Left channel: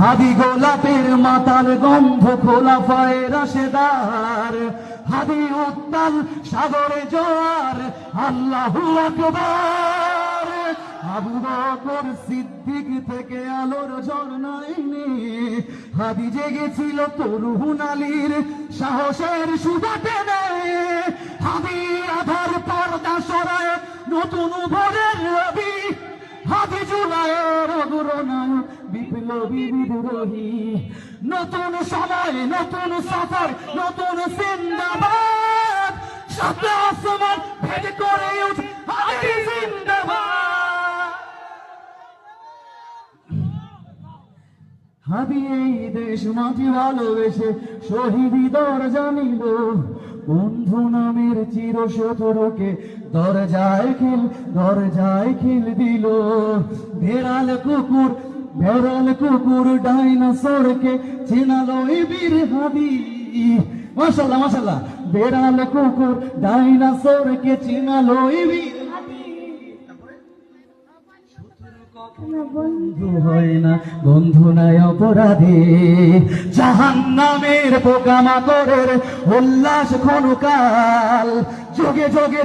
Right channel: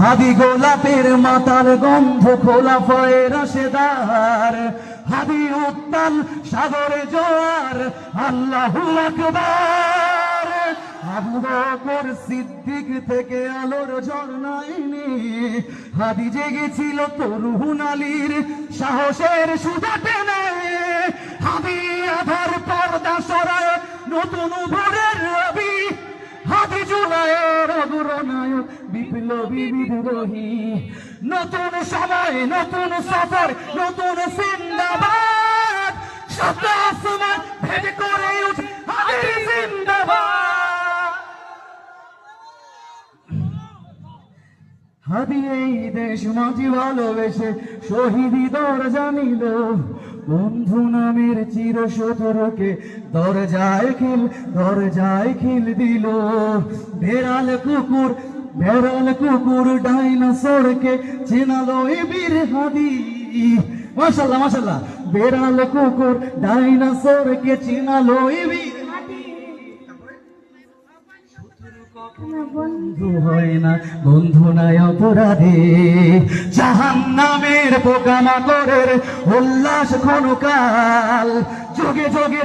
হাদি গোলাপের মাতার গন্ধ খোলা পায়ের রাশেদার, হাদি উত্তাল সাগরে জোয়ার, আল্লাহু আকবার। আবু বকর সিদ্দিক থেকে আলোর ঝর্ণায় নেমে হাদি জেগেছিল তরুণ আলীর সাহসের সুতা টেনে। হাদি আধার পর্দা সরায় নতুন ভোরের রবি, হাদি জুলাইয়ের অগ্রনায়ক বিপ্লবী বিদ্রোহী। নতুন সময় নতুন সফর নতুন জিন্দাবাদ, সত্য আসমান ভেদ করে হাদি জিন্দাবাদ। হাদি এই দেশ মাটি ভালোবেসে শহীদি দরজা নিল, বন্ধু নামের চির শত্রুকে দরজায় খিল দিল। বেড়াল কুকুর ডাইনোসরকে চেনালো এ বীর হাদি। মাশাআল্লাহ মাশাআল্লাহ। বেড়াল কুকুর ডাইনোসরকে চেনালো এ বীর হাদি। বন্ধু হয় না, বন্ধু নাই অপরাধী, জাহান্নামের পোকামাকড়ের উল্লাস ক্ষণকাল, যোগে যোগে